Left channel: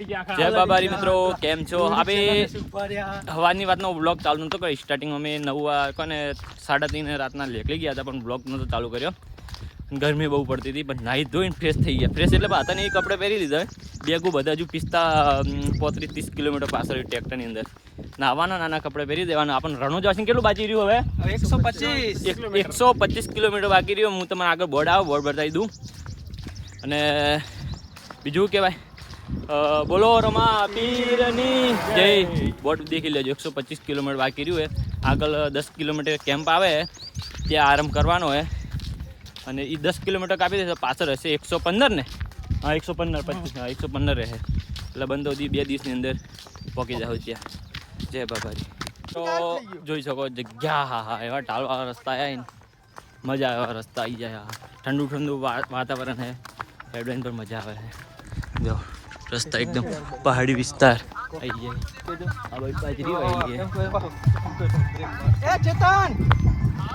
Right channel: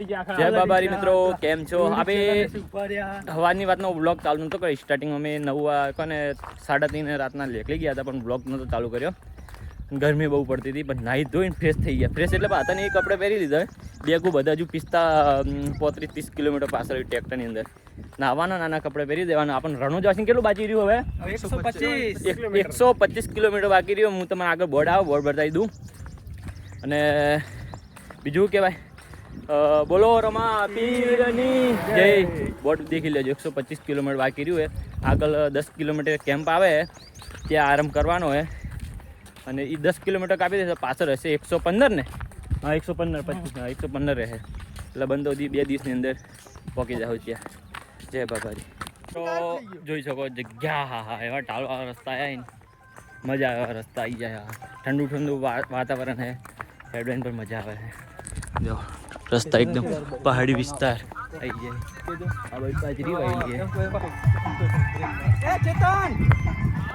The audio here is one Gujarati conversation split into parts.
જય બાબારી મિત્રો કેમ છો? આપણે હવાની વાતનો બ્લોગ ચાલુ નતો કર્યો. સ્ટાર્ટિંગ અમે નવ કોને સાડા ત્રણ રાતના લેકલી ગયા હતા પણ બ્લોગ નતો ચાલુ કર્યો. ગરમી બહુ પડતી હતી પણ નાહી ધોઈને ફ્રેશ થઈ ગયા. ફ્રેશ એટલે હતા ને એ કપડે પહેરી લીધા. બેગું બધા હજુ પિસ્તા પોત્રીસ ત્રીસ કિલોમીટર પાછળ ટ્રેક્ટરની અંદર. નાવાના નાના કપડે પહેરી દેવાના. આપણને રણો વાસીને કેટલું બાકી રહ્યું હવે? એકસો પચીસ એકસો પચીસ કિલોમીટર બાકી રહ્યો. હું તમને આગળ બોર્ડ આવો બોર્ડ બતાવી દઉં. અને બીજું કહેવાય બોલો રમા પીરની જય. બોટ દેખી લેજો એકસો પચીસ કિલોમીટર બાકી રહ્યું હે. આગળ દસ કિલોમીટર કેમ્પ આવે ત્યાં આરામ કરવાનો હે. અને એ દસ કિલોમીટર કાપી દેશે પાછળ હશે એકસો પંદર ને? હા એકસો પંદર પચીસ હા એકસો પંદર રહે એટલે બંધો દી બે દિવસની અંદર પહોંચી જાવ ત્યાં. જય બાબાજી તો જોઈ શકો જગ્યા હા હા એવા ઢાળવાળા રસ્તા આવ્યા ને. મજા આવે રસ્તા આવી જાય ઠંડુ ઠંડુ વાતાવરણ હે. હેડવાઈન પર મજા આવે છે જો. રસ્તા એકદમ પહાડી વિસ્તાર. આવી ગયા આ બાજુ બાજરી વાઈ ગઈ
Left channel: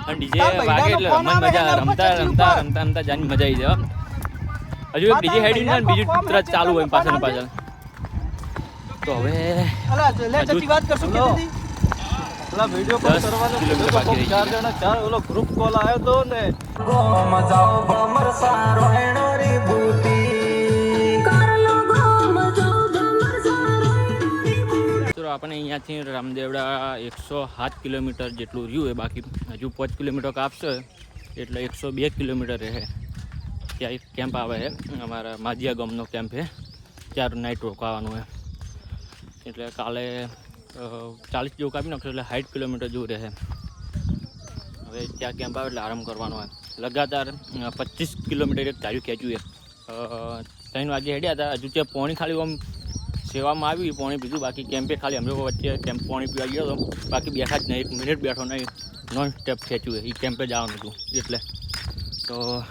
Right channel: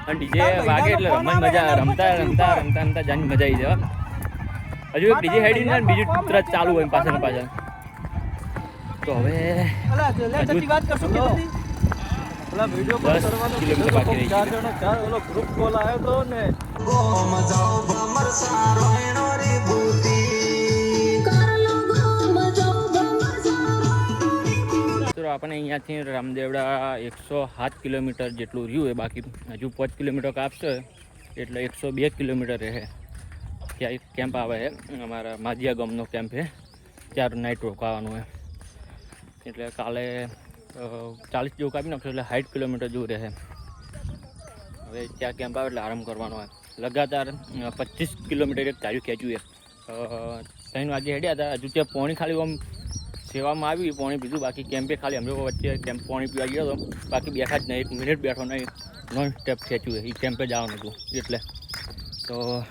અને ડીજે વાગે એટલે રમવાની મજા રમતા રમતા રમતા રમતા જાની મજા આવી જાય હો. હજુ એક ડીજે હેડી ને બીજું તરત ચાલુ હોય પાછળ પાછળ તો હવે દસ કિલોમીટર બાકી રહી ગયું અહીંયાથી રામદેવડા એકસો સાત કિલોમીટર જેટલું રહ્યું એ બાકી હજુ પાંચ કિલોમીટર કાપશે એટલે એકસો બે કિલોમીટર રહે. ત્યાં એક કેમ્પ આવે છે, અમારા માધિયા ગામનો કેમ્પ છે. ચાર નાઇટ રોકાવાનું છે. એટલે કાલે ચાલીસ જેવું કાપી નાખશું એટલે સાઠ કિલોમીટર જેવું રહે. હવે ત્યાં કેમ્પ આવે એટલે આરામ કરવાનો હોય લગાતાર પચીસ કિલોમીટર એક ચાલ્યું ખેંચ્યું એ ત્રણ વાગે હેડ્યા હતા, હજુ ત્યાં પોણી ખાલી આમ સેવામાં આવી, પાણી પીધું. બાકી કેમ્પે ખાલી અમે વચ્ચે કેમ્પ પાણી પીવા ગયો હતો. બાકી બેઠા જ નહીં, એક મિનિટ બેઠો નહીં. નોન સ્ટેપ ખેંચ્યું એ કેમ્પે જવાનું હતું, એટલે. તો